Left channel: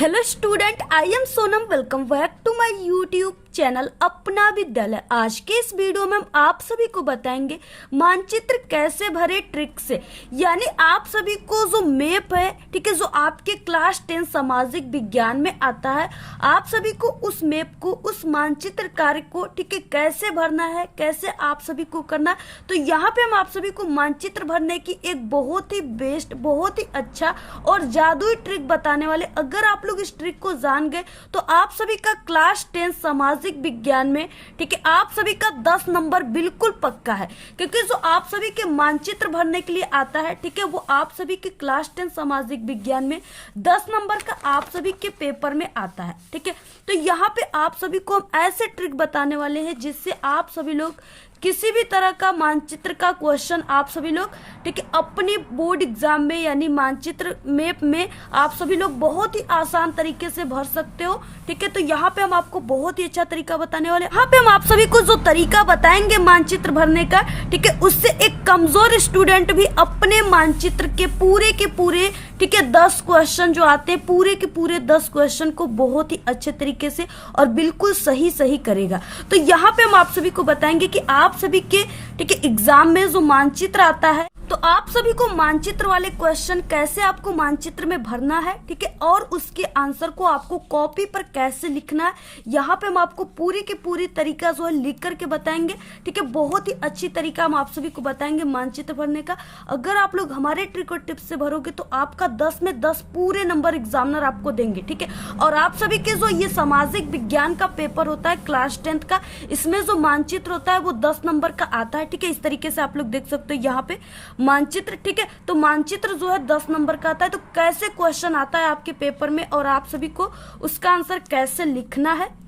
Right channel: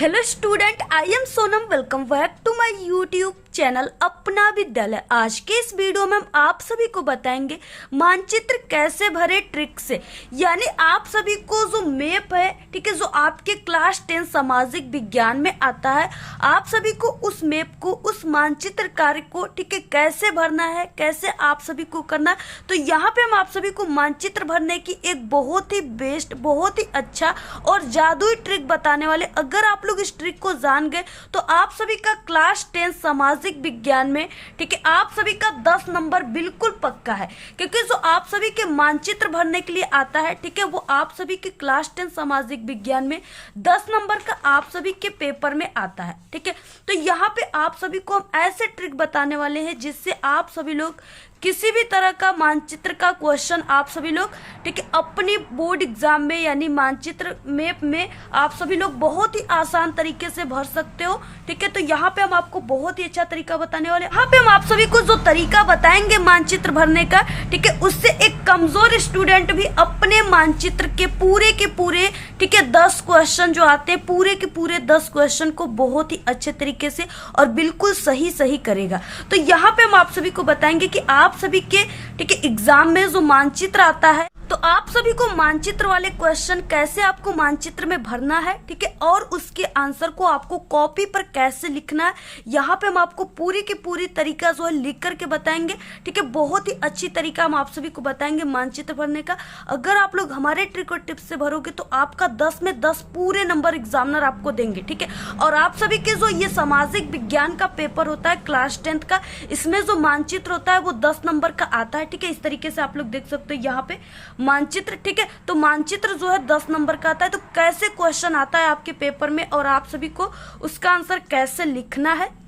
Hello student, I am Sonam. Welcome back to my YouTube channel Apna Vidyalaya. आज के इस video में हम आप सभी को बताएंगे मानचित्र कैसे भरे ट्रिक से। यानी आप सभी को जो मैप है, ठीक है, जो आपके क्लास 10 सामाजिक विज्ञान में आता है, आप सभी को उस मैप को, उस मानचित्र कार्य को, ठीक है, कैसे भरना है, कैसे आप सभी को करना है। तो यहाँ पे हम आप सभी को मानचित्र भरने की एक बहुत ही बेस्ट, बहुत ही अच्छा और जादुई ट्रिक बताने वाले। अगर आप लोग इस ट्रिक को जान गए तो आप सभी का क्लास 10 सामाजिक विज्ञान में, ठीक है, आप सभी का 10 नंबर बिल्कुल पक्का है। क्योंकि जो आप सभी के मानचित्र भरने के लिए आता है, ठीक है, वो आप सभी के क्लास 10 सामाजिक विज्ञान में 10 नंबर का आप सभी के पेपर में आता है। ठीक है, तो यहाँ पे आप सभी को हम ऐसे ट्रिक बताने वाले हैं जिससे आप सभी लोग किसी भी तरह का मानचित्र का क्वेश्चन आप सभी लोग, ठीक है, अपनी बोर्ड एग्जाम में यानी मानचित्र मैप में आप सभी लोग बहुत ही आसान तरीके से भर सकते हो। ठीक है, तो यहाँ पे हम आपको बहुत ही अच्छा तरीका बताने वाले हैं। यहाँ पे हम आप सभी को जो तरीका बताएंगे मानचित्र भरने का, ठीक है, उससे एक कमजोर स्टूडेंट भी अपने मानचित्र के पूरे, ठीक है, 10 क्वेश्चन जो आते हैं, पूरे के पूरे 10 क्वेश्चन को बहुत ही अच्छे तरीके से और बिल्कुल सही करेगा। तो यहाँ पे हम आप सभी को बताएंगे कि आप सभी के, ठीक है, एग्जाम में जो मानचित्र आता है, तो आप सभी को मानचित्र वाले क्वेश्चन कैसे आपको मानचित्र में भरना है, ठीक है, और उसके आंसर को आपको कॉपी पर कैसे लिखना है, यहाँ पे हम आपको पूरी की पूरी तरीका जो है लिख करके बताएंगे। ठीक है, बहुत ही अच्छी तरीका हम आप सभी को बताएंगे मानचित्र भरने का। अगर आप लोग हमारे ट्रिक और टिप्स से भरोगे तो आपका 10 में 10 पूरे नंबर एग्जामिनर आपको देंगे। ठीक है, और आप सभी के जो ये सामाजिक विज्ञान का पेपर होता है क्लास 10 का, इसमें जो मानचित्र होता है वो 10 नंबर का आता है। ठीक है, इस तरीके से आप लोग देख सकते हो यहाँ पे मानचित्र। ठीक है, तो मानचित्र जो है 10 नंबर का आता है। तो कैसे क्वेश्चन आता है आपके पेपर में और आप सभी को उसका आंसर कैसे लिखना है,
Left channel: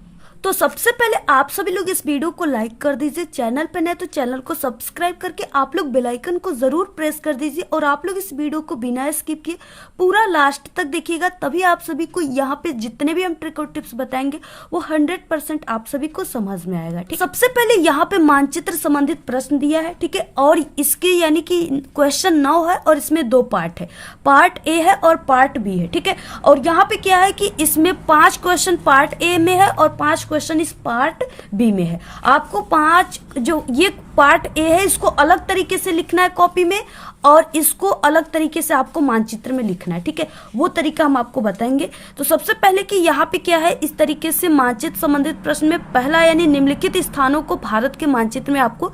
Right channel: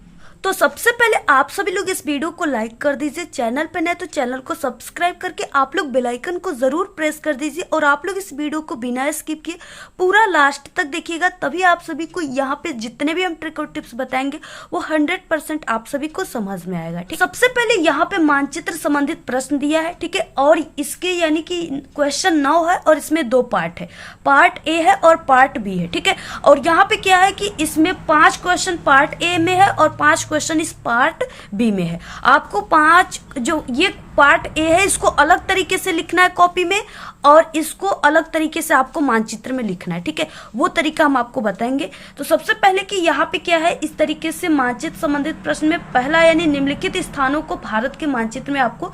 तो सबसे पहले आप सभी लोग इस वीडियो को लाइक कर दीजिए। चैनल पे नए तो चैनल को सब्सक्राइब करके आप लोग बेल आइकन को जरूर प्रेस कर दीजिए और आप लोग इस वीडियो को बिना स्किप किए पूरा लास्ट तक देखिएगा। तभी आप सभी को यहाँ पे जितने भी हम ट्रिक और टिप्स बताएंगे वो 100% आप सभी को समझ में आएगा। ठीक, सबसे पहले यहाँ पे मानचित्र संबंधित प्रश्न दिया है। ठीक है, और इसके यानी कि क्वेश्चन 9 है और इसमें 2 पार्ट है, पार्ट ए है और पार्ट बी है। ठीक है, और यहाँ पे क्या है कि इसमें 5 क्वेश्चन पार्ट ए में है और 5 क्वेश्चन इस पार्ट बी में है। आपको 5 जो ये पार्ट ए है इसको अलग तरीके से लिखना है कॉपी में और इसको अलग तरीके से आपको मानचित्र में लिखना है। ठीक है, वो तरीका हम आपको बताएंगे। तो सबसे पहले कि यहाँ पे क्या है, इस तरीके से मानचित्र संबंधित प्रश्न में पहला यानी निम्नलिखित स्थानों को भारत के मानचित्र में आपको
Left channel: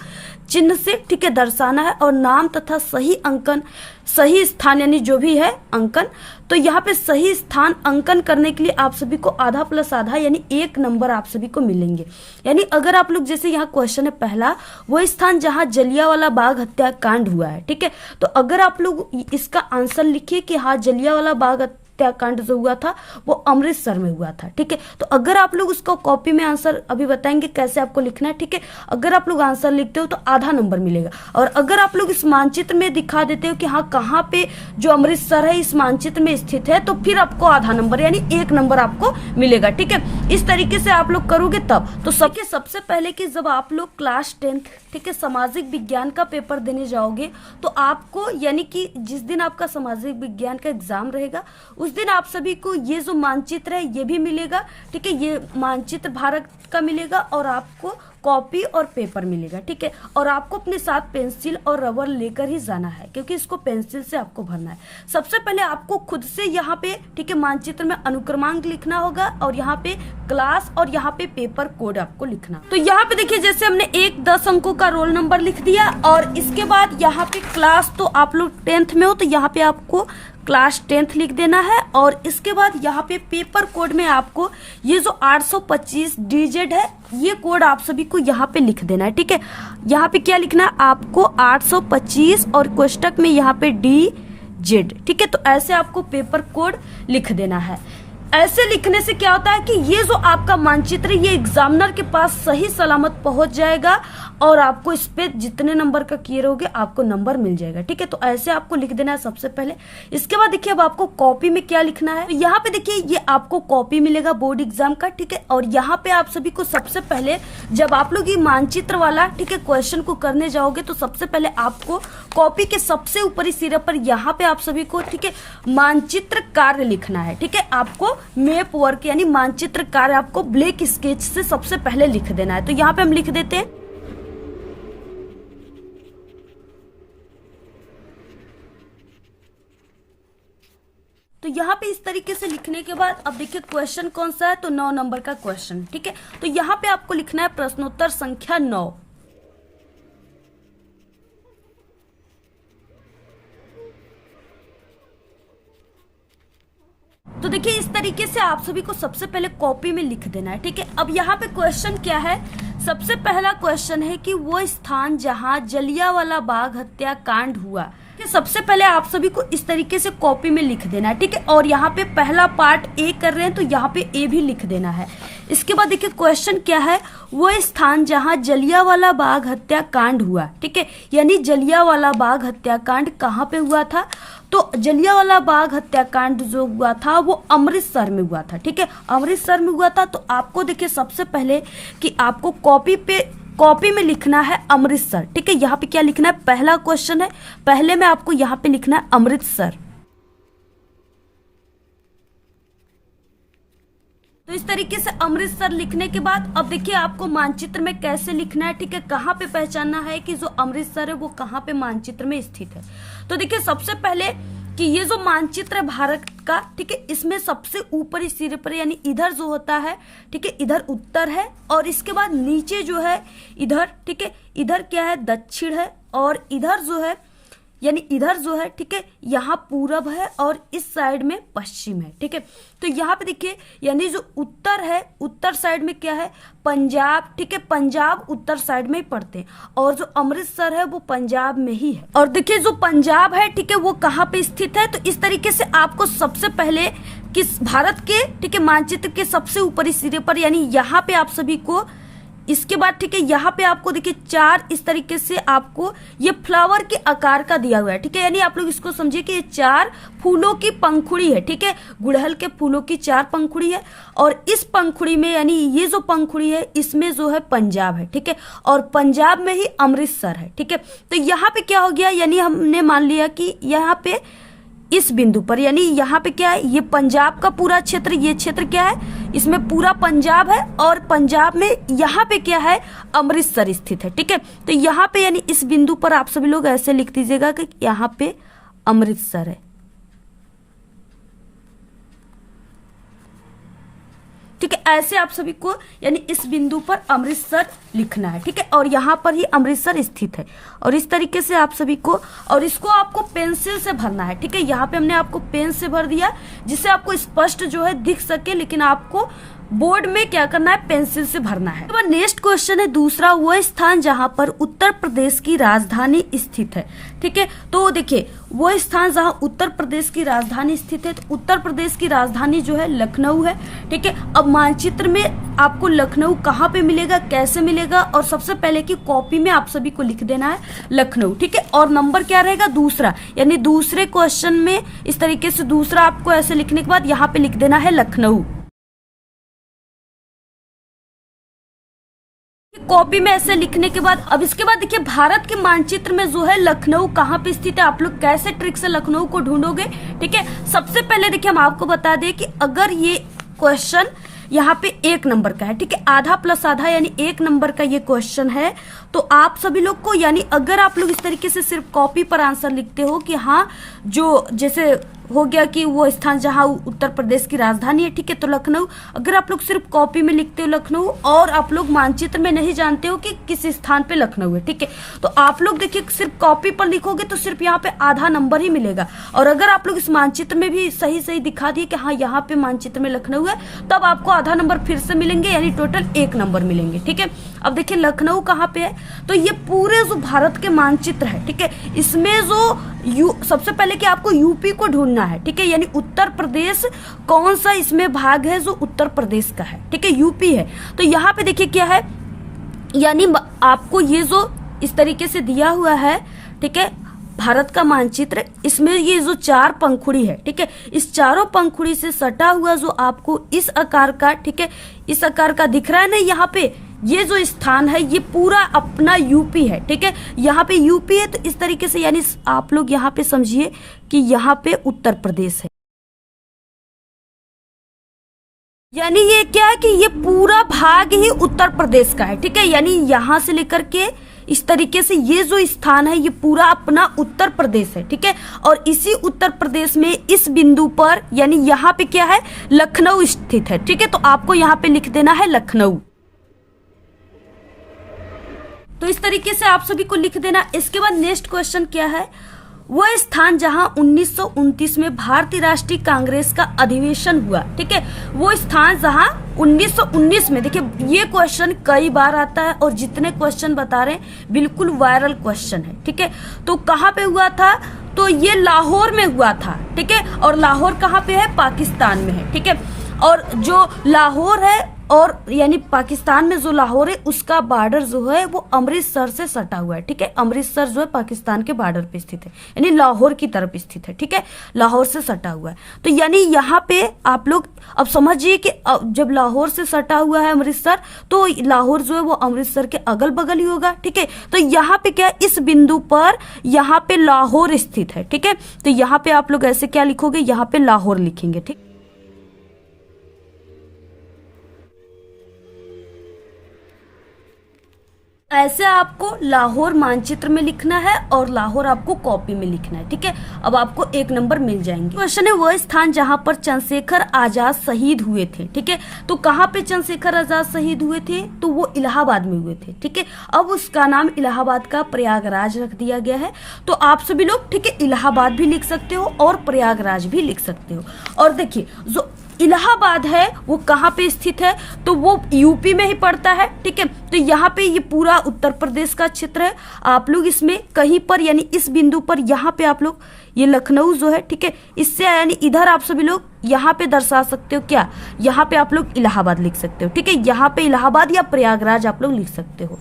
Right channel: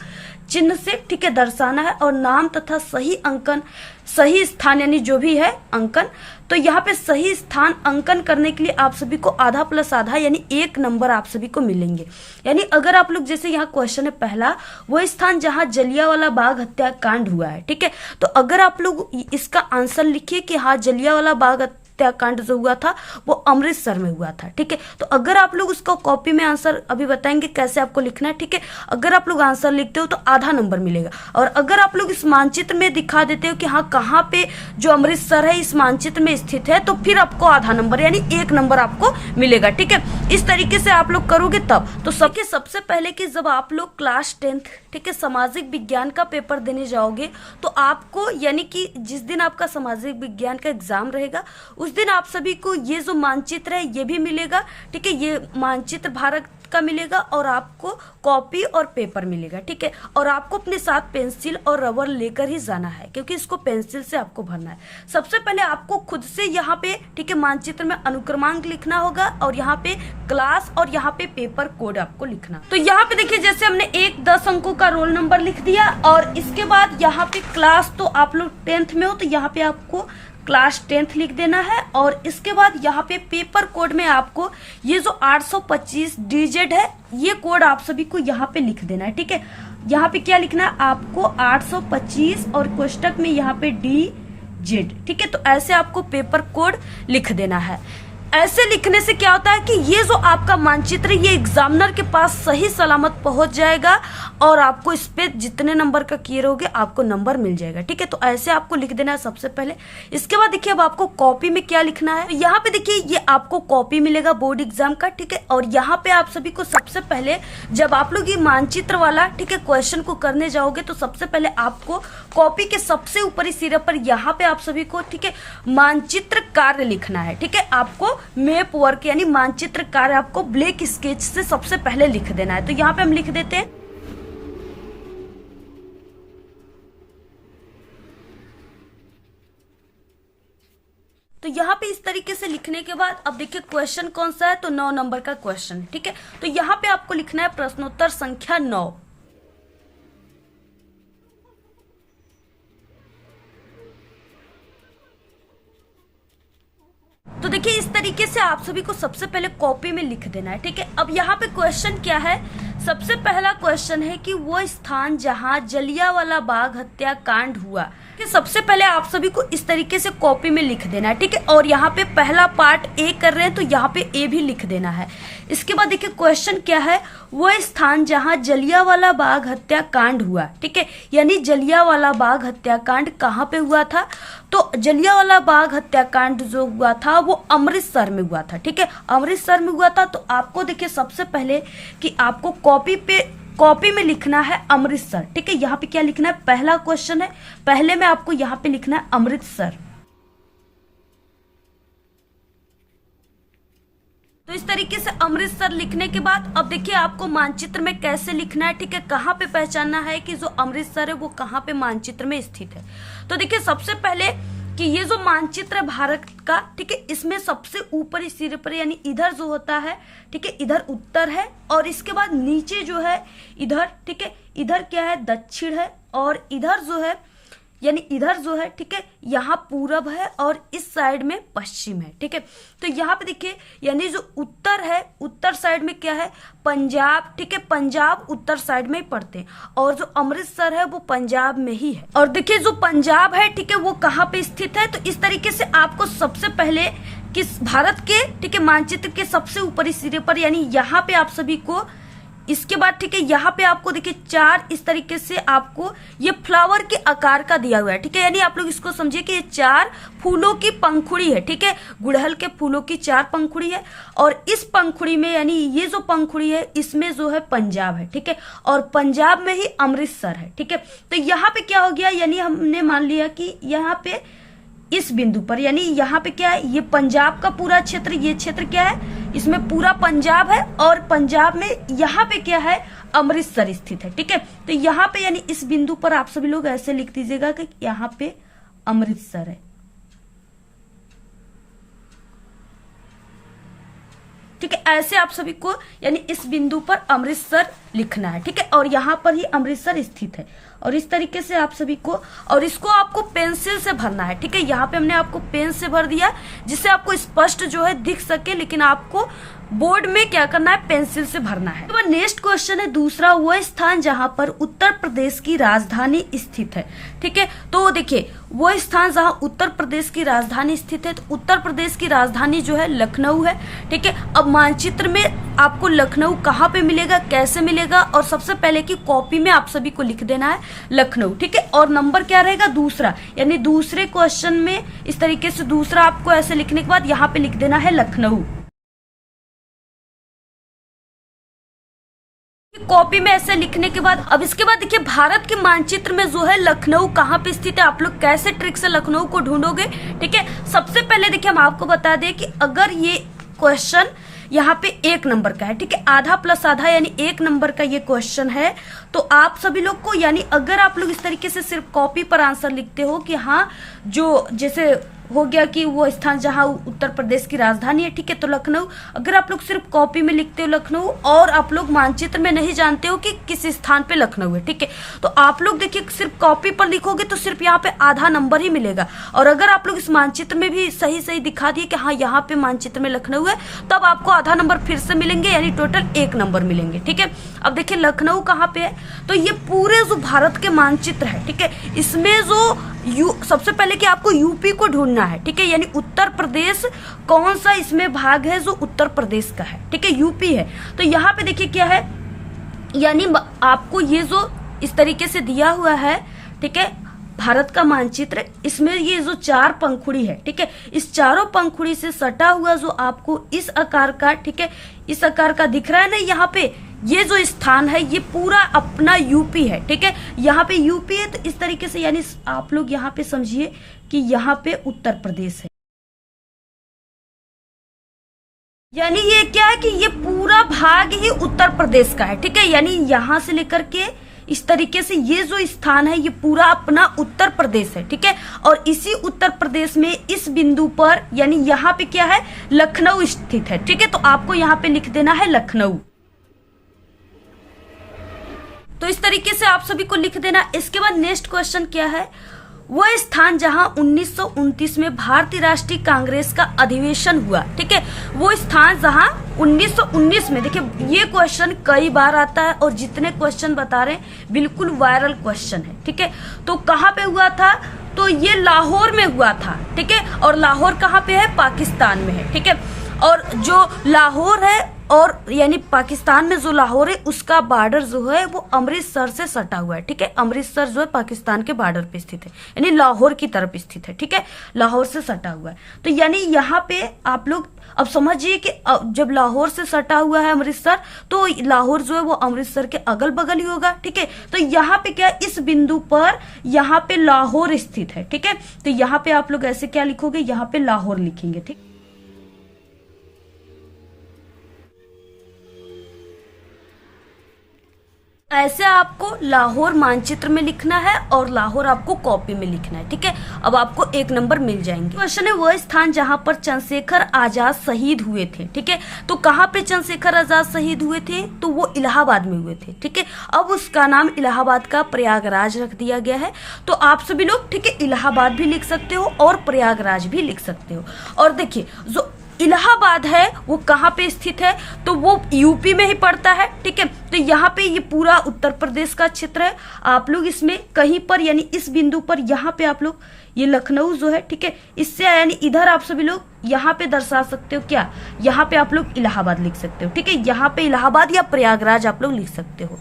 चिन्ह से, ठीक है, दर्शाना है और नाम तथा सही अंकन, सही स्थान यानी जो भी है अंकन। तो यहाँ पे सही स्थान अंकन करने के लिए आप सभी को आधा प्लस आधा यानी 1 नंबर आप सभी को मिलेंगे। यानी अगर आप लोग जैसे यहाँ क्वेश्चन है पहला, वो स्थान जहाँ जलियांवाला बाग हत्याकांड हुआ है। ठीक है, तो अगर आप लोग इसका आंसर लिखिए कि हाँ जलियांवाला बाग हत्याकांड जो हुआ था वो अमृतसर में हुआ था। ठीक है, तो अगर आप लोग उसको कॉपी में आंसर अभी बताएंगे कैसे आपको लिखना है। ठीक है, अगर आप लोग आंसर लिखते हो तो आधा नंबर मिलेगा और अगर आप लोग इस मानचित्र में दिखा देते हो कि हाँ कहाँ पे जो अमृतसर है इस मानचित्र में स्थित है, तो फिर आपको आधा नंबर यानी 1 नंबर आपको मिलेगा। ठीक है, इस तरीके से आप लोग करोगे तब। तो सबसे पहले कि जब आप लोग क्लास 10, ठीक है, सामाजिक विज्ञान का पेपर देने जाओगे तो आपको यानी कि जिस दिन आपका सामाजिक विज्ञान का एग्जाम रहेगा उस दिन आप सभी को ये जो मानचित्र है ये भी मिलेगा। ठीक है, ये मानचित्र भारत का मिलेगा और आपको कॉपी और पेपर मिलेगा। ठीक है, और आपको अपने साथ पेंसिल और रबर लेकर ही जाना है क्योंकि इसको पेंसिल से आपको भरना है। सबसे पहले आपको खुद से यहाँ पे, ठीक है, मानचित्र में अनुक्रमांक लिखना होगा और यहाँ पे क्लास और यहाँ पे पेपर कोड आपको लिखना। तो यहाँ पे देखिए जैसे हमने 10 अंकों का रोल नंबर लिख दिया और इसके बाद यहाँ पे क्लास, तो आप लोग 10th में हो तो यहाँ पे आपको क्लास 10th लिख देना है और इसके बाद यहाँ पे पेपर कोड में आपको ये जो 825 डिजिट है ये कोड आप सभी को यहाँ पे लिख देना है। ठीक है, यहाँ पे क्या लिखना है आपको 825 और कोष्टक में यहाँ पे DZ। ठीक है, तो ऐसे आपको पेपर कोड लिख देना है। ऐसे लिखने से क्या होता है कि ये जो आपका मानचित्र ये एग्जामिनर के पास सही सलामत पहुंच जाएगा और आपको इस पे जितने नंबर का किए रहोगे आपको नंबर मिल जाएगा। ठीक है, तो ऐसे आपको लिख देना है सबसे पहले। इसके बाद देखिए अब आपको कॉपी में क्या लिखना है। तो यहाँ पे देखिए ये आपको कॉपी मिलेगा बोर्ड एग्जाम का। ठीक है, और यहाँ पे आप सभी को सबसे पहले जब आप लोग ये मानचित्र वाला ठीक है क्वेश्चन को करने जाओगे तो सबसे पहले आपको कॉपी के सबसे ऊपरी सिरे पर यहाँ पे आप सभी को ठीक है मानचित्र कार्य लिखना है। ठीक है, आपको मैप वर्क यानी मानचित्र कार्य आपको ब्लैक स्केच से सबसे पहले लिख देना है। तो यहाँ पे हम लिख देते हैं। तो यहाँ पे इस तरीके से लिखने के बाद अब देखिए क्वेश्चन कौन सा है, तो 9 नंबर का क्वेश्चन। ठीक है, तो यहाँ पे आपको लिखना है प्रश्नोत्तर संख्या 9। तो देखिए इस तरीके से आप सभी को सबसे पहले कॉपी में लिख देना है। ठीक है, अब यहाँ पे क्वेश्चन क्या है, सबसे पहला क्वेश्चन है कि वो स्थान जहां जलियांवाला बाग हत्याकांड हुआ। सबसे पहले आप सभी को इस तरीके से कॉपी में लिख देना है। ठीक है, और यहाँ पे पहला पार्ट ए कर रहे हैं तो यहाँ पे ए भी लिख देना है। इसके बाद देखिए क्वेश्चन क्या है, वो स्थान जहां जलियांवाला बाग हत्याकांड हुआ। ठीक है, यानी जलियांवाला बाग हत्याकांड कहाँ पे हुआ था, तो जलियांवाला बाग हत्याकांड जो हुआ था वो अमृतसर में हुआ था। ठीक है, अमृतसर में हुआ था। तो आपको देखिए सबसे पहले कि आपको कॉपी में लिखना है अमृतसर। ठीक है, यहाँ पे क्या लिखना है, पहला क्वेश्चन है, पहले में आपको यहाँ पे लिखना है अमृतसर। तो इस तरीके से अमृतसर लिखने के बाद अब देखिए आपको मानचित्र में कैसे लिखना है। ठीक है, कहाँ पे पहचानना है कि जो अमृतसर है वो कहाँ पे मानचित्र में स्थित है। तो देखिए सबसे पहले कि ये जो मानचित्र है भारत का, ठीक है, इसमें सबसे ऊपरी सिरे पर यानी इधर जो होता है, ठीक है, इधर उत्तर है, और इसके बाद नीचे जो है इधर, ठीक है, इधर क्या है, दक्षिण है, और इधर जो है यानी इधर जो है, ठीक है, यहाँ पूरब है, और इस साइड में पश्चिम है। ठीक है, तो यहाँ पे देखिए यानी जो उत्तर है, उत्तर साइड में क्या है, पंजाब। ठीक है, पंजाब उत्तर साइड में ही पड़ते हैं, और जो अमृतसर है वो पंजाब में ही है। और देखिए जो पंजाब है, ठीक है, वो कहाँ पे स्थित है। तो इस तरीके से आपको सबसे पहले किस भारत के ठीक है मानचित्र के सबसे ऊपरी सिरे पर यानी यहाँ पे आप सभी को, इसके बाद ठीक है यहाँ पे आपको देखिए 4 इस तरीके से आपको ये फ्लावर के आकार का दिया हुआ है। ठीक है, यानी आप लोग इसको समझिए कि ये 4 फूलों की पंखुड़ी है। ठीक है, गुड़हल के फूलों की 4 पंखुड़ी है, और इस पंखुड़ी में यानी ये जो पंखुड़ी है इसमें जो है पंजाब है। ठीक है, और पंजाब में ही अमृतसर है। ठीक है, तो यहाँ पे क्या हो गया, यानी हमने मान लिया कि यहाँ पे इस बिंदु पर यानी यहाँ पे क्या है, ये पंजाब का पूरा क्षेत्र, ये क्षेत्र क्या है, इसमें पूरा पंजाब है, और पंजाब में यहाँ पे क्या है, अमृतसर स्थित है। ठीक है, तो यहाँ पे यानी इस बिंदु पर आप सभी लोग ऐसे लिख दीजिएगा कि यहाँ पे अमृतसर है। ठीक है, ऐसे आप सभी को यानी इस बिंदु पर अमृतसर लिखना है। ठीक है, और यहाँ पर ही अमृतसर स्थित है, और इस तरीके से आप सभी को, और इसको आपको पेंसिल से भरना है। ठीक है, यहाँ पे हमने आपको पेन से भर दिया जिससे आपको स्पष्ट जो है दिख सके, लेकिन आपको बोर्ड में क्या करना है, पेंसिल से भरना है। तो नेक्स्ट क्वेश्चन है दूसरा, वो स्थान जहां पर उत्तर प्रदेश की राजधानी स्थित है। ठीक है, तो देखिए वो स्थान जहां उत्तर प्रदेश की राजधानी स्थित है, तो उत्तर प्रदेश की राजधानी जो है लखनऊ है। ठीक है, अब मानचित्र में आपको लखनऊ कहाँ पे मिलेगा, कैसे मिलेगा, और सबसे पहले की कॉपी में आप सभी को लिख देना है लखनऊ। ठीक है, और नंबर क्या रहेगा, दूसरा, यानी दूसरे क्वेश्चन में इस तरीके से दूसरा आपको ऐसे लिखने के बाद यहाँ पे लिख देना है लखनऊ। कॉपी में ऐसे लिखने के बाद अब इसके बाद देखिए भारत के मानचित्र में जो है लखनऊ कहाँ पे स्थित है, आप लोग कैसे ट्रिक से लखनऊ को ढूंढोगे। ठीक है, सबसे पहले देखिए हम आपको बता दें कि अगर ये क्वेश्चन यहाँ पे 1 नंबर का है, ठीक है, आधा प्लस आधा यानी 1 नंबर का ये क्वेश्चन है, तो आप सभी लोग को यानी अगर आप लोग इस तरीके से सिर्फ कॉपी पर आंसर लिखते हो कि हाँ जो जैसे हो गया कि वो स्थान जहां उत्तर प्रदेश की राजधानी है, ठीक है, तो लखनऊ, अगर आप लोग सिर्फ कॉपी में लिखते हो लखनऊ और आप लोग मानचित्र में नहीं जानते हो कि किस स्थान पे लखनऊ है, ठीक है, तो आप लोग देखिए सिर्फ कॉपी पर लिखोगे तो सिर्फ यहाँ पे आधा नंबर ही मिलेगा, और अगर आप लोग इस मानचित्र में भी सही सही दिखा दिए कि हाँ यहाँ पे मानचित्र में लखनऊ है, तब आपको आधा नंबर फिर से मिलेंगे, यानी टोटल 1 नंबर मिलेंगे। ठीक है, अब देखिए लखनऊ कहाँ पे है, तो ये पूरे जो भारत के मानचित्र है, ठीक है, इसमें जो सबसे पहले कि आपको यूपी को ढूंढना है, ठीक है, यानी उत्तर प्रदेश कौन सा इसमें भाग है जो उत्तर प्रदेश का है, ठीक है, यूपी है, तो यहाँ पे देखिए क्या है, यानी आपको ये जो इस तरीके से दिया हुआ है, ठीक है, भारत का मानचित्र, इसमें ये जो 4 पंखुड़ी है, ठीक है, इस चारों पंखुड़ी से सटा हुआ जो आपको इस आकार का, ठीक है, इस आकार का दिख रहा है ना, यहाँ पे ये जो स्थान है ये पूरा अपना यूपी है, ठीक है, यहाँ पे यूपी है। तो इस तरीके से यानी आप लोग यहाँ पे समझिए कि यहाँ पे उत्तर प्रदेश है, यानी ये क्या है कि ये पूरा भाग ही उत्तर प्रदेश का है, ठीक है, यानी यहां से लेकर के इस तरीके से ये जो स्थान है ये पूरा अपना उत्तर प्रदेश है, ठीक है। और इसी उत्तर प्रदेश में इस बिंदु पर यानी यहाँ पे क्या है, लखनऊ स्थित है, ठीक है। तो आपको यहाँ पे लिख देना है लखनऊ। तो इस तरीके से आप सभी को लिख देना। इसके बाद नेक्स्ट क्वेश्चन क्या है, वह स्थान जहां 1929 में भारतीय राष्ट्रीय कांग्रेस का अधिवेशन हुआ, ठीक है, वो स्थान जहां 1919 में, देखिए ये क्वेश्चन कई बार आता है और जितने क्वेश्चन बता रहे हैं बिल्कुल वायरल क्वेश्चन है, ठीक है। तो कहाँ पे हुआ था, तो ये लाहौर में हुआ था, ठीक है। और लाहौर कहाँ पे है, पाकिस्तान में है, ठीक है। और जो लाहौर है और यानी पाकिस्तान में जो लाहौर है उसका बॉर्डर जो है वो अमृतसर से सटा हुआ है, ठीक है। अमृतसर जो है पाकिस्तान के बॉर्डर पे स्थित है, यानी लाहौर की तरफ स्थित है, ठीक है, लाहौर से सटा हुआ है। तो यानी यहाँ पे आप लोग अब समझिए कि जब लाहौर से सटा हुआ है अमृतसर, तो लाहौर जो है वो अमृतसर के अगल बगल ही होगा, ठीक है। तो यहाँ पे क्या, इस बिंदु पर यहाँ पे लाहौर स्थित है, ठीक है। तो यहाँ पे आप लोग ऐसे क्या लिखोगे, यहाँ पे लाहौर लिखेंगे, ठीक। ऐसे आपको लाहौर मानचित्र में लिखना है और लाहौर आपको कॉपी में लिखना है, ठीक है। अब आपको 1 नंबर मिल जाएंगे। क्वेश्चन है, वह स्थान जहां पर चंद्रशेखर आजाद शहीद हुए थे, ठीक है। तो कहाँ पे चंद्रशेखर आजाद शहीद हुए थे, तो वो इलाहाबाद में हुए थे, ठीक है। अब उसका नाम इलाहाबाद का प्रयागराज रख दिया गया है। तो आप सभी लोग, ठीक है, इलाहाबाद भी लिख सकते हो और प्रयागराज भी लिख सकते हो। और देखिए जो इलाहाबाद है वो कहाँ पे स्थित है, तो वो यूपी में ही पड़ता है, ठीक है। तो यहाँ पे ये पूरा उत्तर प्रदेश का क्षेत्र है। आप लोग इसमें कहीं पर यानी इस बिंदु पर यहाँ पे आप लोग ये लखनऊ जो है, ठीक है, इससे यानी इधर आप सभी लोग यहाँ पे दर्शा सकते हो क्या, यहाँ पे आप लोग इलाहाबाद लिख सकते हो, ठीक है। यहाँ पे इलाहाबाद या प्रयागराज आप लोग लिख सकते हो।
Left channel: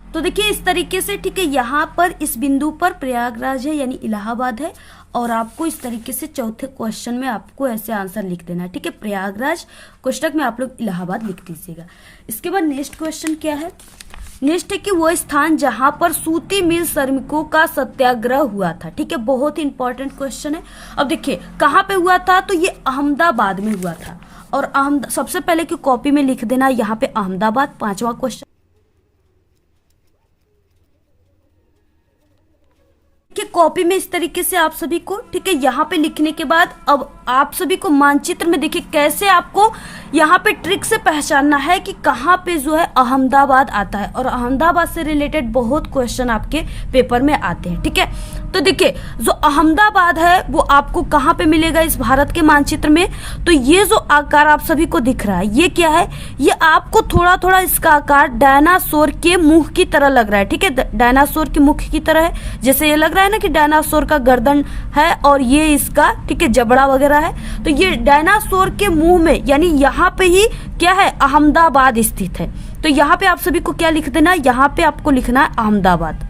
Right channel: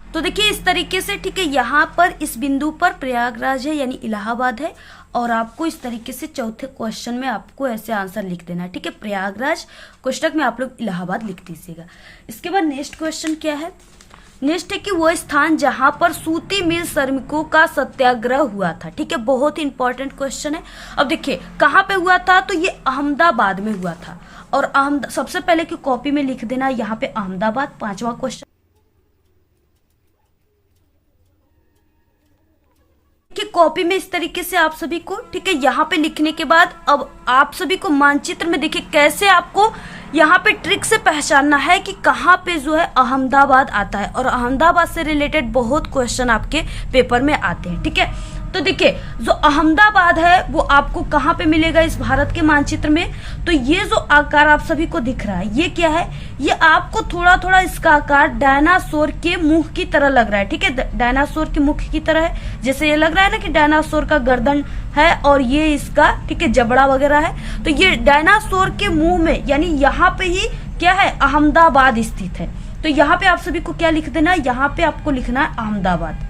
तो देखिए इस तरीके से, ठीक है, यहाँ पर इस बिंदु पर प्रयागराज है यानी इलाहाबाद है। और आपको इस तरीके से चौथे क्वेश्चन में आपको ऐसे आंसर लिख देना है, ठीक है, प्रयागराज, कोष्टक में आप लोग इलाहाबाद लिख दीजिएगा। इसके बाद नेक्स्ट क्वेश्चन क्या है, नेक्स्ट है कि वो स्थान जहां पर सूती मिल श्रमिकों का सत्याग्रह हुआ था, ठीक है, बहुत ही इंपॉर्टेंट क्वेश्चन है। अब देखिए कहाँ पे हुआ था, तो ये अहमदाबाद में हुआ था। और सबसे पहले की कॉपी में लिख देना यहाँ पे अहमदाबाद, 5वां क्वेश्चन कि कॉपी में इस तरीके से आप सभी को, ठीक है, यहाँ पे लिखने के बाद अब आप सभी को मानचित्र में देखिए कैसे आपको यहाँ पे ट्रिक से पहचानना है कि कहाँ पे जो है अहमदाबाद आता है। और अहमदाबाद से रिलेटेड बहुत क्वेश्चन आपके पेपर में आते हैं, ठीक है। तो देखिए जो अहमदाबाद है वो आपको कहाँ पे मिलेगा इस भारत के मानचित्र में, तो ये जो आकार आप सभी को दिख रहा है ये क्या है, ये आपको थोड़ा थोड़ा इसका आकार डायनासोर के मुख की तरह लग रहा है, ठीक है, डायनासोर के मुख की तरह है। जैसे ये लग रहा है ना कि डायनासोर का गर्दन है और ये इसका, ठीक है, जबड़ा वगैरह है। तो ये डायनासोर के मुंह में यानी यहाँ पे ही क्या है, अहमदाबाद स्थित है। तो यहाँ पे आप सभी को क्या लिख देना, यहाँ पे आपको लिखना है अहमदाबाद।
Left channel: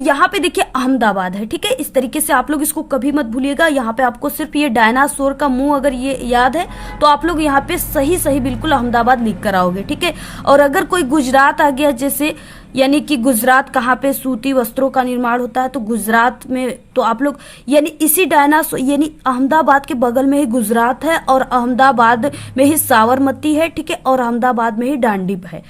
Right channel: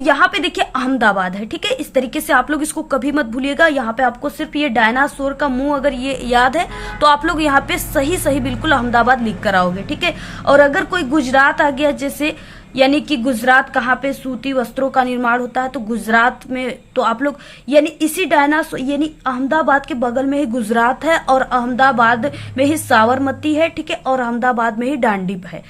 यहाँ पे देखिए अहमदाबाद है, ठीक है, इस तरीके से आप लोग इसको कभी मत भूलिएगा। यहाँ पे आपको सिर्फ ये डायनासोर का मुंह अगर ये याद है तो आप लोग यहाँ पे सही सही बिल्कुल अहमदाबाद लिख कर आओगे, ठीक है। और अगर कोई गुजरात आ गया, जैसे यानी कि गुजरात कहाँ पे सूती वस्त्रों का निर्माण होता है, तो गुजरात में तो आप लोग यानी इसी डायनासोर यानी अहमदाबाद के बगल में ही गुजरात है और अहमदाबाद में ही साबरमती है, ठीक है, और अहमदाबाद में ही डांडी है,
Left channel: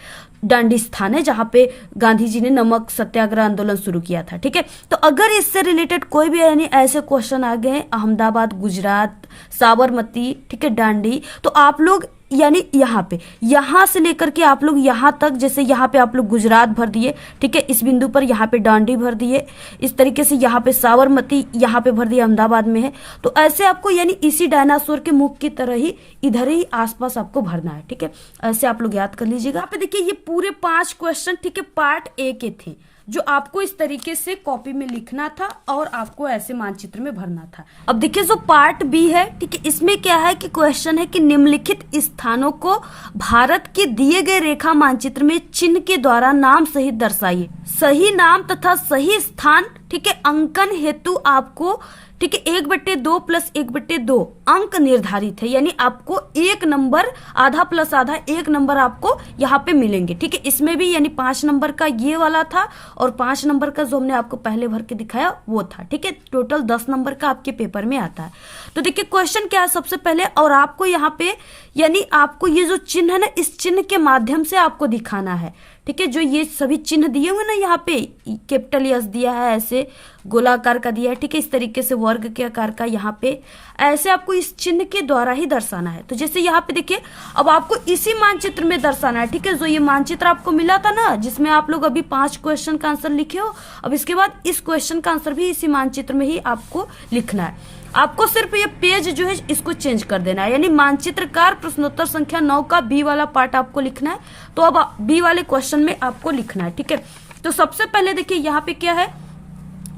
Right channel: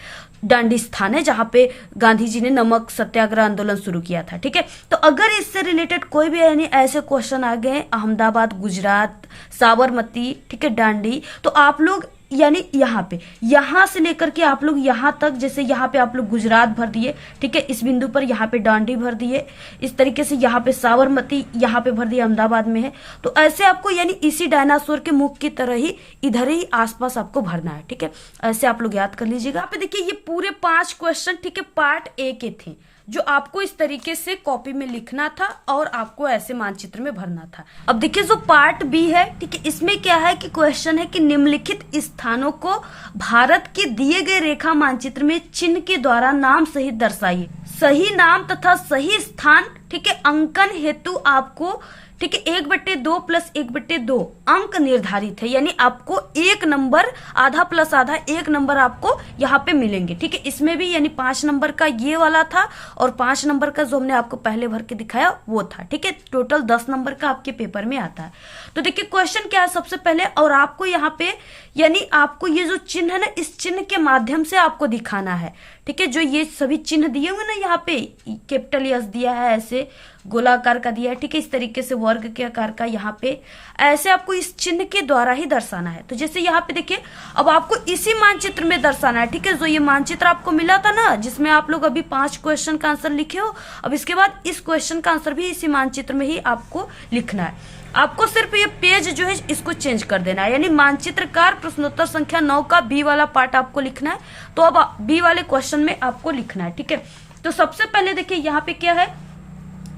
डांडी स्थान है जहां पे गांधी जी ने नमक सत्याग्रह आंदोलन शुरू किया था, ठीक है। तो अगर इससे रिलेटेड कोई भी यानी ऐसे क्वेश्चन आ गए अहमदाबाद, गुजरात, साबरमती, ठीक है, डांडी, तो आप लोग यानी यहाँ से लेकर के आप लोग यहाँ तक, जैसे यहाँ पे आप लोग गुजरात भर दिए, ठीक है, इस बिंदु पर यहाँ पे डांडी भर दिए, इस तरीके से यहाँ पे साबरमती यहाँ पे भर दिया, अहमदाबाद में है। तो ऐसे आपको यानी इसी डायनासोर के मुख की तरह ही इधर ही आसपास आपको भरना है, ठीक है। ऐसे आप लोग याद कर लीजिएगा। यहाँ पे देखिए ये पूरे 5 क्वेश्चन, ठीक है, पार्ट ए के थे, जो आपको इस तरीके से कॉपी में लिखना था और आपको ऐसे मानचित्र में भरना था। अब देखिए जो पार्ट बी है, ठीक है, इसमें क्या है कि क्वेश्चन है कि निम्नलिखित स्थानों को भारत के दिए गए रेखा मानचित्र में चिन्ह के द्वारा नाम सहित दर्शाइए। सही नाम तथा सही स्थान, ठीक है, अंकन हेतु आपको, ठीक है, 1/2 + 1/2 अंक निर्धारित है, यानी आपको 1 नंबर, आधा प्लस आधा 1 नंबर आपको यहाँ पे मिलेंगे, ठीक है। इसमें भी यानी 5 नंबर का ये वाला था और 5 नंबर का जो हमने आपको पहले भर के दिखाया वो था, ठीक है। टोटल 10 नंबर का आपके पेपर में आता है। तो देखिए क्वेश्चन क्या है सबसे पहले, और आपको यहाँ पे यानी आपको ये जो चिन्ह है ना, इस चिन्ह के माध्यम से आपको दिखाना है, ठीक है। जो ये सभी चिन्ह दिए हुए ना, यहाँ पे कैपिटल एस दिया है, ऐसे गोलाकार का दिया है, ठीक है, इस तरीके से वर्ग के आकार का, यहाँ पे ऐसे आपको इस चिन्ह के द्वारा ही दर्शाना है। तो जैसे यहाँ पे देखिए, अब आपको इसी मानचित्र में दर्शाना है, ठीक है। जो ये मानचित्र आपको मिला था ना, जिसमें आप लोग अभी 5 क्वेश्चन का आंसर लिखे हो, अब इसके बाद इस क्वेश्चन का आंसर भी इसी मानचित्र में ही आपको लिखना है। आपको सिर्फ ये पेज जो है इसको चेंज कर देना है, यानी मानचित्रकार प्रश्नोत्तर संख्या 9 का बी वाला पार्ट आपको लिखना है। तो अब बी वाले क्वेश्चन में आपको लिखना है, ठीक है। तो सबसे पहले देखिए यहाँ पे क्या है,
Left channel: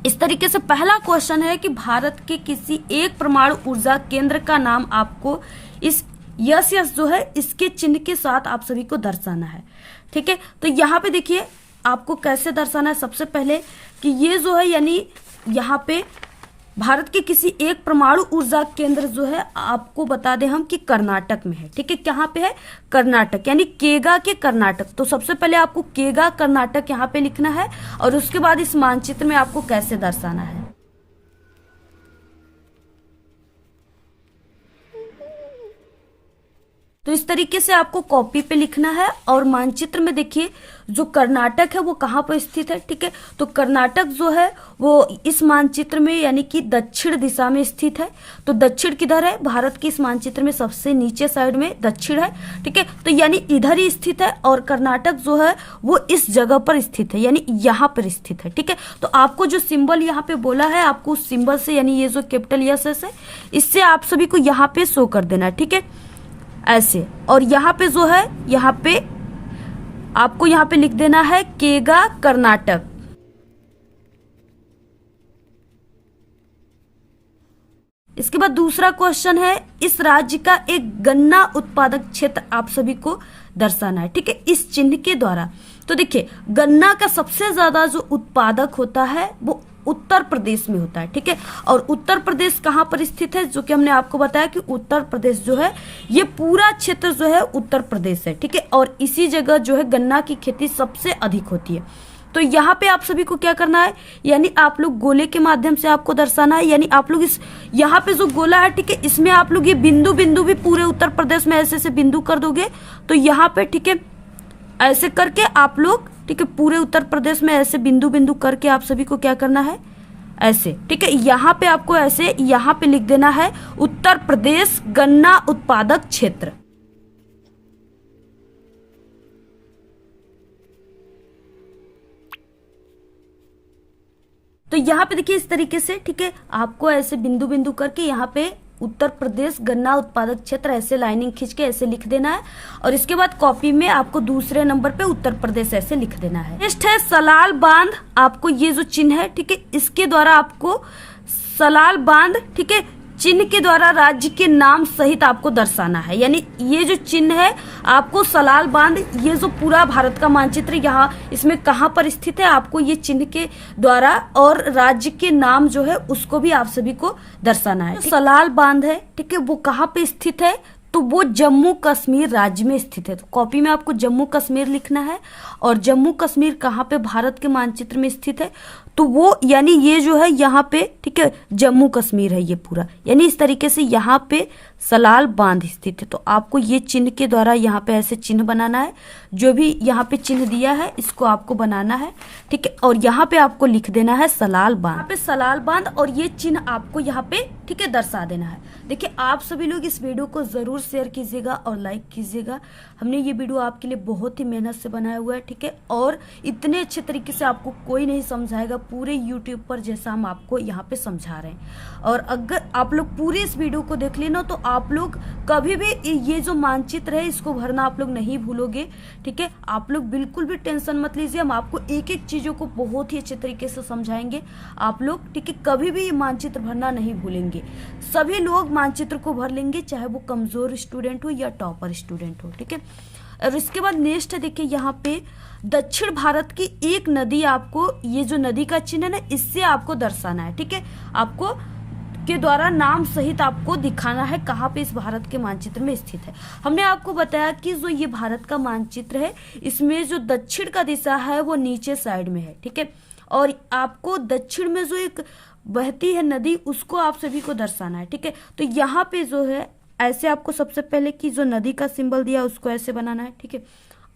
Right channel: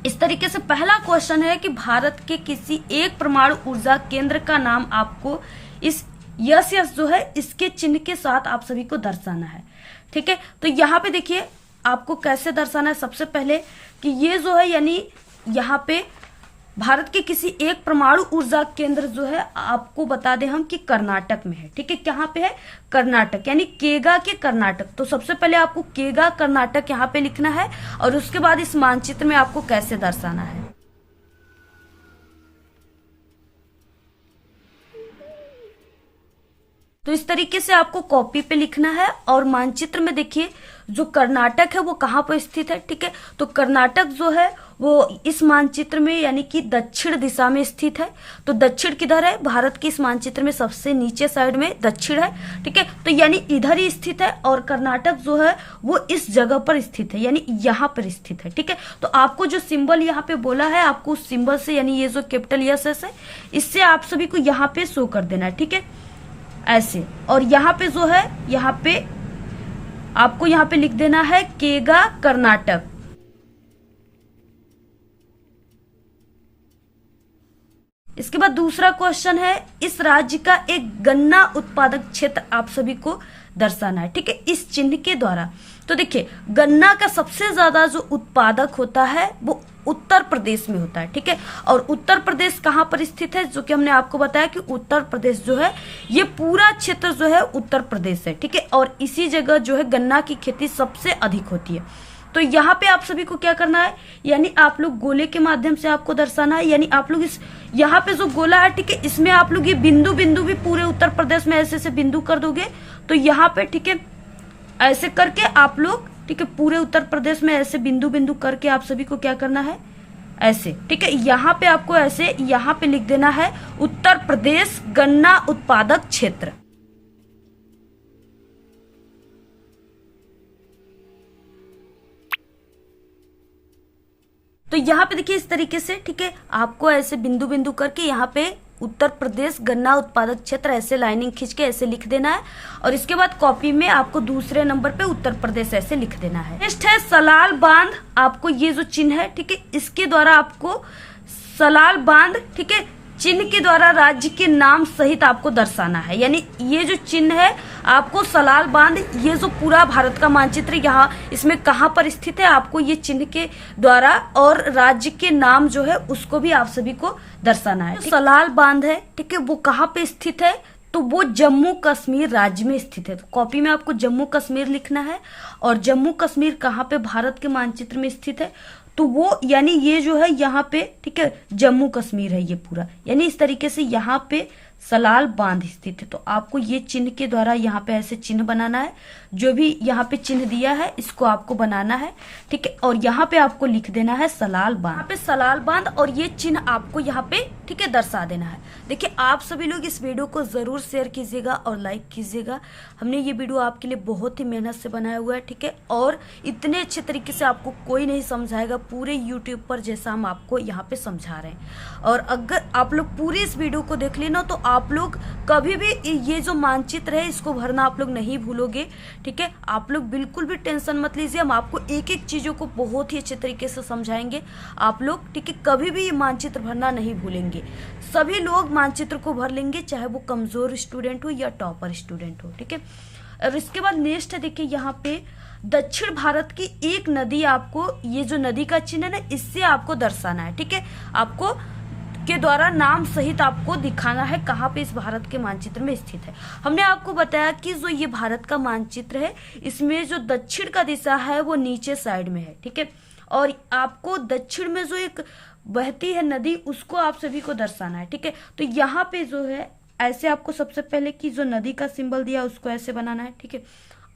इस तरीके से पहला क्वेश्चन है कि भारत के किसी एक परमाणु ऊर्जा केंद्र का नाम आपको इस यस जो है इसके चिन्ह के साथ आप सभी को दर्शाना है, ठीक है। तो यहाँ पे देखिए आपको कैसे दर्शाना है, सबसे पहले कि ये जो है यानी यहाँ पे भारत के किसी एक परमाणु ऊर्जा केंद्र जो है आपको बता दें हम कि कर्नाटक में है, ठीक है। कहाँ पे है? कर्नाटक, यानी केगा के कर्नाटक। तो सबसे पहले आपको केगा कर्नाटक यहाँ पे लिखना है और उसके बाद इस मानचित्र में आपको कैसे दर्शाना है। तो इस तरीके से आपको कॉपी पे लिखना है और मानचित्र में देखिए जो कर्नाटक है वो कहाँ पर स्थित है, ठीक है। तो कर्नाटक जो है वो इस मानचित्र में यानी कि दक्षिण दिशा में स्थित है। तो दक्षिण किधर है? भारत के इस मानचित्र में सबसे नीचे साइड में दक्षिण है, ठीक है। तो यानी इधर ही स्थित है और कर्नाटक जो है वो इस जगह पर स्थित है, यानी यहाँ पर स्थित है, ठीक है। तो आपको जो सिंबल यहाँ पे बोला है, आपको उस सिंबल से यानी ये जो कैपिटल यस है इससे आप सभी को यहाँ पे शो कर देना है, ठीक है, ऐसे। और यहाँ पे जो है यहाँ पे आपको यहाँ पे लिख देना है केगा कर्नाटक। इसके बाद दूसरा क्वेश्चन है, इस राज्य का एक गन्ना उत्पादक क्षेत्र आप सभी को दर्शाना है, ठीक है, इस चिन्ह के द्वारा। तो देखिए गन्ना का सबसे ज्यादा जो उत्पादक होता है वो उत्तर प्रदेश में होता है, ठीक है। और उत्तर प्रदेश कहाँ पर स्थित है? जो कि हमने आपको बताया कि उत्तर प्रदेश जो है ये पूरा क्षेत्र जो है उत्तर प्रदेश है, ठीक है। और इसी जगह जो है गन्ना की खेती सबसे अधिक होती है। तो यहाँ पे आप सभी को क्या करना है, यानी आप लोग गोले के माध्यम से आपको दर्शाना है, यानी आप लोग इस यहाँ पे जो गोला है, ठीक है, इसमें आप लोग ये बिंदु बिंदु भी पूरे उत्तर प्रदेश में ऐसे ऐसे बिंदु कर दोगे। तो यहाँ पे ठीक है ऐसे करके आप लोग, ठीक है, पूरे उत्तर प्रदेश में ऐसे बिंदु बिंदु करके आप सभी को क्या करना है, ऐसे, ठीक है। यहाँ पे आपको ऐसे यहाँ पे लिख देना है उत्तर प्रदेश गन्ना उत्पादक क्षेत्र। तो यहाँ पे देखिए इस तरीके से, ठीक है, आपको ऐसे बिंदु बिंदु करके यहाँ पे उत्तर प्रदेश गन्ना उत्पादक क्षेत्र ऐसे लाइनिंग खींच के ऐसे लिख देना है। और इसके बाद कॉपी में आपको दूसरे नंबर पे उत्तर प्रदेश ऐसे लिख देना है। नेक्स्ट है सलाल बांध। आपको ये जो चिन्ह है, ठीक है, इसके द्वारा आपको सलाल बांध, ठीक है, चिन्ह के द्वारा राज्य के नाम सहित आपको दर्शाना है। यानी ये जो चिन्ह है आपको सलाल बांध, ये जो पूरा भारत का मानचित्र यहाँ इसमें कहाँ पर स्थित है, आपको ये चिन्ह के द्वारा और राज्य के नाम जो है उसको भी आप सभी को दर्शाना है। तो सलाल बांध है, ठीक है, वो कहाँ पे स्थित है? तो वो जम्मू कश्मीर राज्य में स्थित है। तो कॉपी में आपको जम्मू कश्मीर लिखना है। और जम्मू कश्मीर कहाँ पे भारत के मानचित्र में स्थित है? तो वो यानी ये जो है यहाँ पे, ठीक है, जम्मू कश्मीर है ये पूरा, यानी इस तरीके से यहाँ पे सलाल बांध स्थित है। तो आपको ये चिन्ह के द्वारा यहाँ पे ऐसे चिन्ह बनाना है। जो भी यहाँ पे चिन्ह दिया है इसको आपको बनाना है, ठीक है। और यहाँ पे आपको लिख देना है सलाल बांध, यहाँ पे सलाल बांध और ये चिन्ह आपको यहाँ पे, ठीक है, दर्शा देना है। देखिए आप सभी लोग इस वीडियो को जरूर शेयर कीजिएगा और लाइक कीजिएगा। हमने ये वीडियो आपके लिए बहुत ही मेहनत से बनाया हुआ है, ठीक है। और इतने अच्छे तरीके से आपको कोई नहीं समझाएगा पूरे यूट्यूब पर जैसा हम आपको यहाँ पे समझा रहे हैं। और अगर आप लोग पूरी इस वीडियो को देख लेना तो आप लोग कभी भी ये जो मानचित्र है इसको भरना आप लोग नहीं भूलोगे, ठीक है। आप लोग बिल्कुल भी टेंशन मत लीजिए, हम आपको एक एक चीजों को बहुत ही अच्छे तरीके से समझाएंगे आप लोग, ठीक है। कभी भी ये मानचित्र भरना नहीं भूलेंगे। सभी लोग मानचित्र को भर लेंगे, चाहे वो कमजोर स्टूडेंट हो या टॉपर स्टूडेंट हो, ठीक है। और इसके बाद नेक्स्ट है, देखिए यहाँ पे दक्षिण भारत की एक नदी, आपको ये जो नदी का चिन्ह है ना इससे आपको दर्शाना है, ठीक है। आपको के द्वारा नाम सहित आपको दिखाना है कहाँ पे इस भारत के मानचित्र में स्थित है। हमने आपको बताया कि जो ये भारत का मानचित्र है इसमें जो दक्षिण का दिशा है वो नीचे साइड में है, ठीक है। और आपको दक्षिण में जो एक बहती है नदी उसको आप सभी को दर्शाना है, ठीक है। तो यहाँ पे जो है ऐसे आपको सबसे पहले की जो नदी का सिंबल दिया उसको ऐसे बनाना है, ठीक है।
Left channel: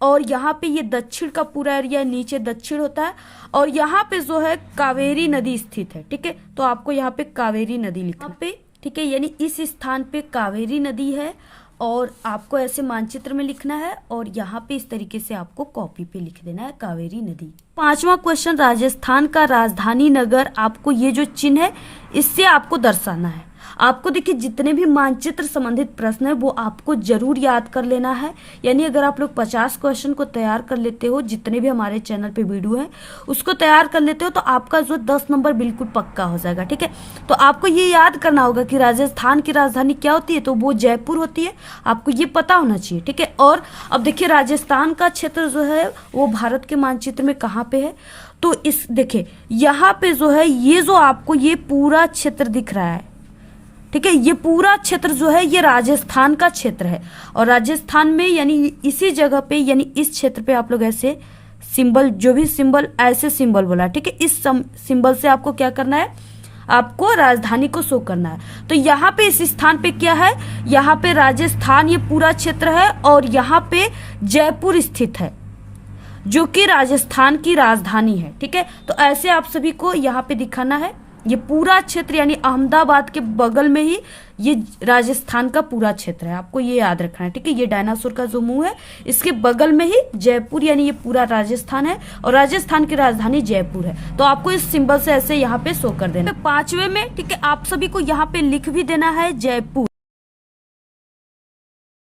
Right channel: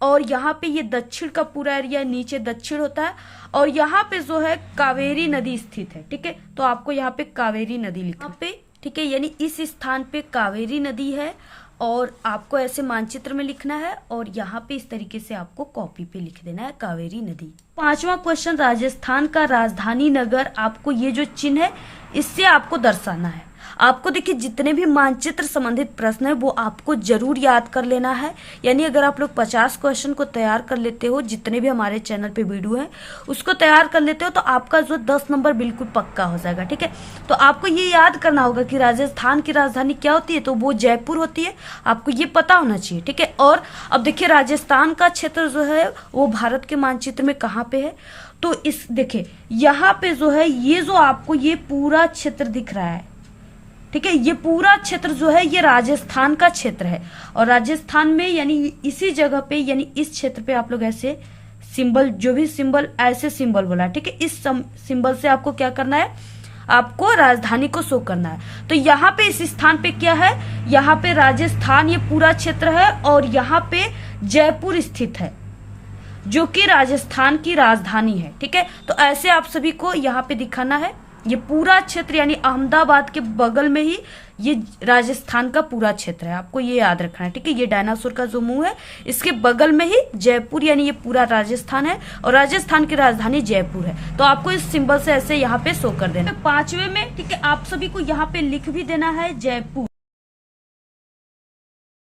और यहाँ पे ये दक्षिण का पूरा एरिया नीचे दक्षिण होता है और यहाँ पे जो है कावेरी नदी स्थित है, ठीक है। तो आपको यहाँ पे कावेरी नदी लिखना पे, ठीक है, यानी इस स्थान पे कावेरी नदी है और आपको ऐसे मानचित्र में लिखना है और यहाँ पे इस तरीके से आपको कॉपी पे लिख देना है कावेरी नदी। 5वां क्वेश्चन, राजस्थान का राजधानी नगर, आपको ये जो चिन्ह है इससे आपको दर्शाना है। आपको देखिए जितने भी मानचित्र संबंधित प्रश्न है वो आपको जरूर याद कर लेना है। यानी अगर आप लोग 50 क्वेश्चन को तैयार कर लेते हो, जितने भी हमारे चैनल पे वीडियो है उसको तैयार कर लेते हो तो आपका जो 10 नंबर बिल्कुल पक्का हो जाएगा, ठीक है। तो आपको ये याद करना होगा कि राजस्थान की राजधानी क्या होती है, तो वो जयपुर होती है, आपको ये पता होना चाहिए, ठीक है। और अब देखिए राजस्थान का क्षेत्र जो है वो भारत के मानचित्र में कहाँ पे है, तो इस देखिए यहाँ पे जो है ये जो आपको ये पूरा क्षेत्र दिख रहा है, ठीक है। ये पूरा क्षेत्र जो है ये राजस्थान का क्षेत्र है और राजस्थान में यानी इसी जगह पे यानी इस क्षेत्र पे आप लोग ऐसे सिंबल, जो भी सिंबल ऐसे सिंबल बोला, ठीक है। इस सिंबल से आपको क्या करना है, आपको राजधानी को शो करना है। तो यहाँ पे इस स्थान पे क्या है, यहाँ पे राजस्थान ये पूरा क्षेत्र है और यहाँ पे जयपुर स्थित है जो कि राजस्थान की राजधानी है, ठीक है। तो ऐसे आप सभी को यहाँ पे दिखाना है। ये पूरा क्षेत्र यानी अहमदाबाद के बगल में ही ये राजस्थान का पूरा क्षेत्र है, आपको ये याद रखना है, ठीक है। ये डायनासोर का जो मुंह है इसके बगल में ही जयपुर यानी ये पूरा राजस्थान है और राजस्थान की राजधानी जयपुर है। तो आपको इस सिंबल से ऐसे यहाँ पे शो कर देना। 5वें में, ठीक है, आप सभी को यहाँ पे लिख भी देना है जयपुर।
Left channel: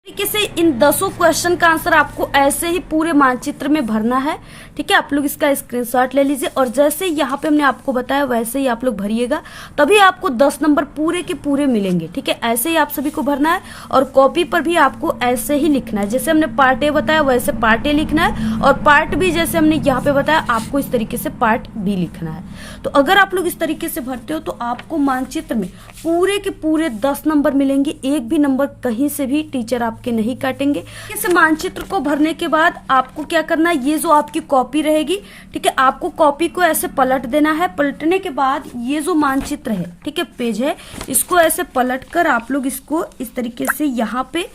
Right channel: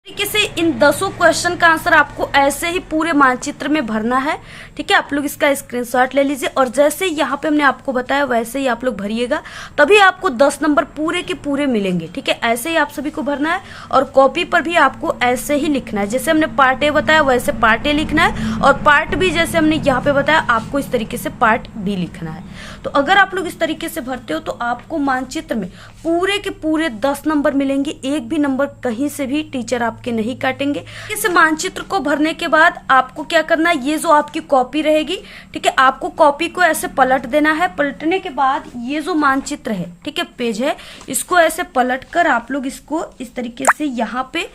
तरीके से इन 10 क्वेश्चन का आंसर आपको ऐसे ही पूरे मानचित्र में भरना है, ठीक है। आप लोग इसका स्क्रीनशॉट ले लीजिए और जैसे यहाँ पे हमने आपको बताया वैसे ही आप लोग भरिएगा, तभी आपको 10 नंबर पूरे के पूरे मिलेंगे, ठीक है। ऐसे ही आप सभी को भरना है और कॉपी पर भी आपको ऐसे ही लिखना है, जैसे हमने पार्ट ए बताया वैसे पार्ट ए लिखना है और पार्ट बी जैसे हमने यहाँ पे बताया आपको इस तरीके से पार्ट बी लिखना है। तो अगर आप लोग इस तरीके से भरते हो तो आपको मानचित्र में पूरे के पूरे 10 नंबर मिलेंगे, एक भी नंबर कहीं से भी टीचर आपके नहीं काटेंगे। इस मानचित्र को भरने के बाद आपको क्या करना है, ये जो आपकी कॉपी रहेगी, ठीक है, आपको कॉपी को ऐसे पलट देना है। पलटने के बाद ये जो मानचित्र है, ठीक है, पेज है, इसको ऐसे पलट कर आप लोग इसको इस तरीके से यहाँ पे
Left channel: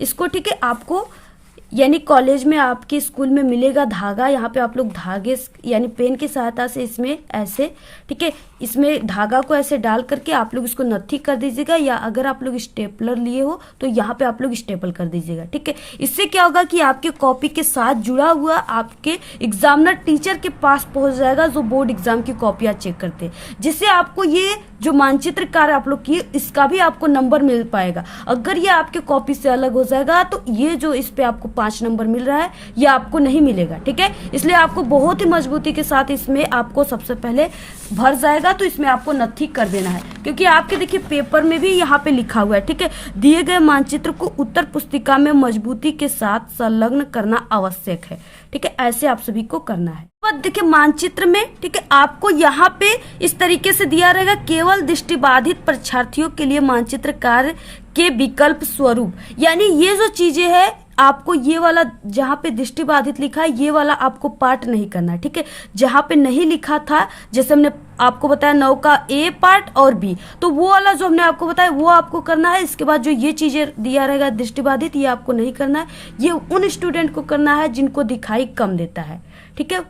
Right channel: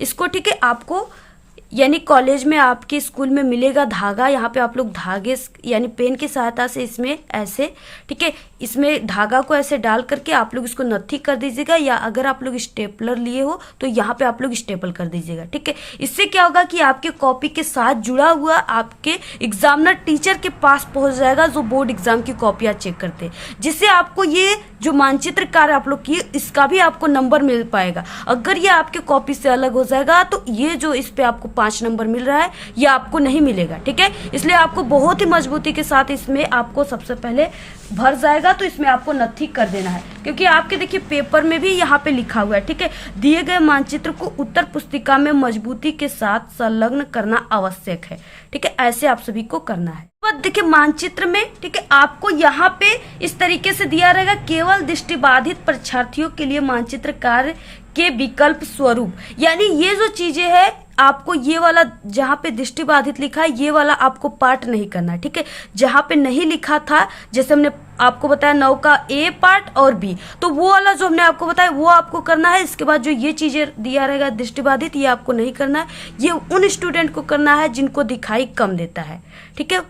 इसको, ठीक है, आपको यानी कॉलेज में आपके स्कूल में मिलेगा धागा, यहाँ पे आप लोग धागे यानी पेन की सहायता से इसमें ऐसे, ठीक है, इसमें धागा को ऐसे डाल करके आप लोग इसको नत्थी कर दीजिएगा, या अगर आप लोग स्टेपलर लिए हो तो यहाँ पे आप लोग स्टेपल कर दीजिएगा, ठीक है। इससे क्या होगा कि आपके कॉपी के साथ जुड़ा हुआ आपके एग्जामिनर टीचर के पास पहुंच जाएगा जो बोर्ड एग्जाम की कॉपियां चेक करते हैं, जिससे आपको ये जो मानचित्र कार्य आप लोग किए इसका भी आपको नंबर मिल पाएगा। अगर ये आपके कॉपी से अलग हो जाएगा तो ये जो इस पे आपको 5 नंबर मिल रहा है ये आपको नहीं मिलेगा, ठीक है। इसलिए आपको बहुत ही मजबूती के साथ इसमें आपको सबसे पहले भर जाएगा तो इसमें आपको नत्थी कर देना है, क्योंकि आपके देखिए पेपर में भी यहाँ पे लिखा हुआ है, ठीक है, दिए गए मानचित्र को उत्तर पुस्तिका में मजबूती के साथ संलग्न करना आवश्यक है, ठीक है। ऐसे आप सभी को करना है। देखिए मानचित्र में, ठीक है, आपको यहाँ पे इस तरीके से दिया रहेगा, केवल दृष्टिबाधित परीक्षार्थियों के लिए मानचित्र कार्य के विकल्प स्वरूप, यानी ये जो चीजें है आपको ये वाला जहाँ पे दृष्टिबाधित लिखा है ये वाला आपको पार्ट नहीं करना है, ठीक है। जहाँ पे नहीं लिखा था, जैसे हमने आपको बताया 9 का ए पार्ट और बी, तो वो वाला जो हमने आपको बताया वो आपको करना है। इसके बाद जो ये चीजें दिया रहेगा दृष्टिबाधित, ये आपको नहीं करना है, ये उन स्टूडेंट को करना है जिनको दिखाई कम देता है, ठीक है।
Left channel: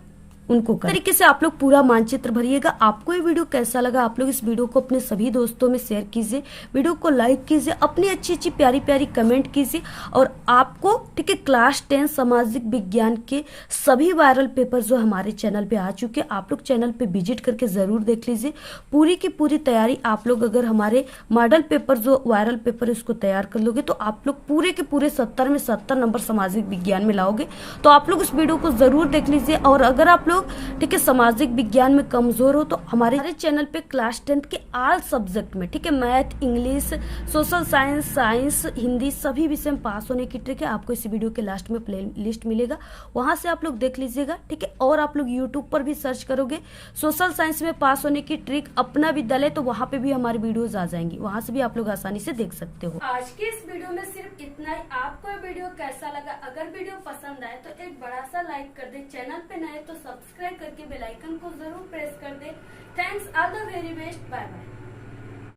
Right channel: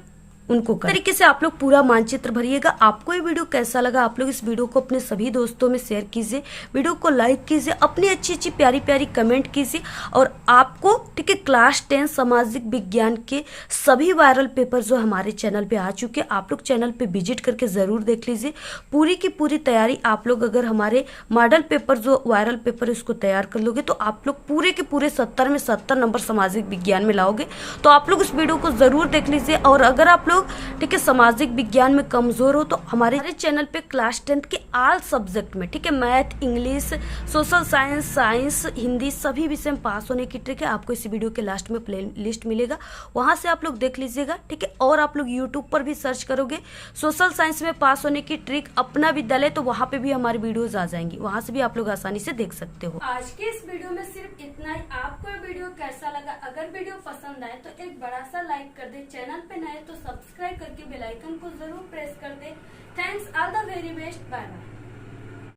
उनको कर तरीके से आप लोग पूरा मानचित्र भरिएगा। आपको ये वीडियो कैसा लगा, आप लोग इस वीडियो को अपने सभी दोस्तों में शेयर कीजिए, वीडियो को लाइक कीजिए, अपनी अच्छी प्यारी प्यारी कमेंट कीजिए। और आपको ठीक है क्लास 10 सामाजिक विज्ञान के सभी वायरल पेपर जो हमारे चैनल पे आ चुके हैं, आप लोग चैनल पे विजिट करके जरूर देख लीजिए। पूरी की पूरी तैयारी आप लोग अगर हमारे मॉडल पेपर जो वायरल पेपर इसको तैयार कर लोगे तो आप लोग पूरे के पूरे 70 में 70 नंबर सामाजिक विज्ञान में लाओगे। तो आप लोग इस वीडियो को जरूर देख लीजिए। और अगर आप लोग ठीक है सामाजिक विज्ञान में कमजोर हो तो हमारे चैनल पे क्लास 10 के ऑल सब्जेक्ट में ठीक है math, English, social science, Hindi सभी विषय में पास होने की ट्रिक है। आपको इस वीडियो के लास्ट में प्ले लिस्ट मिलेगा, वहां से आप लोग देख लीजिएगा। ठीक है, और आप लोग यूट्यूब पर भी सर्च करोगे सोशल साइंस में पास होने की ट्रिक अपना विद्यालय, तो वहां पे भी हमारी वीडियोज आ जाएंगी, वहां से भी आप लोग आसानी से देख सकते हो। आज के इस वीडियो में सिर्फ इतना ही। आपको ये वीडियो कैसा लगा? अगर वीडियो पसंद आए तो एक बड़ा सा लाइक कर दे, चैनल पे नए तो सब्सक्राइब करके बेल आइकन को जरूर प्रेस कर दे। Thanks, all the very best, bye bye.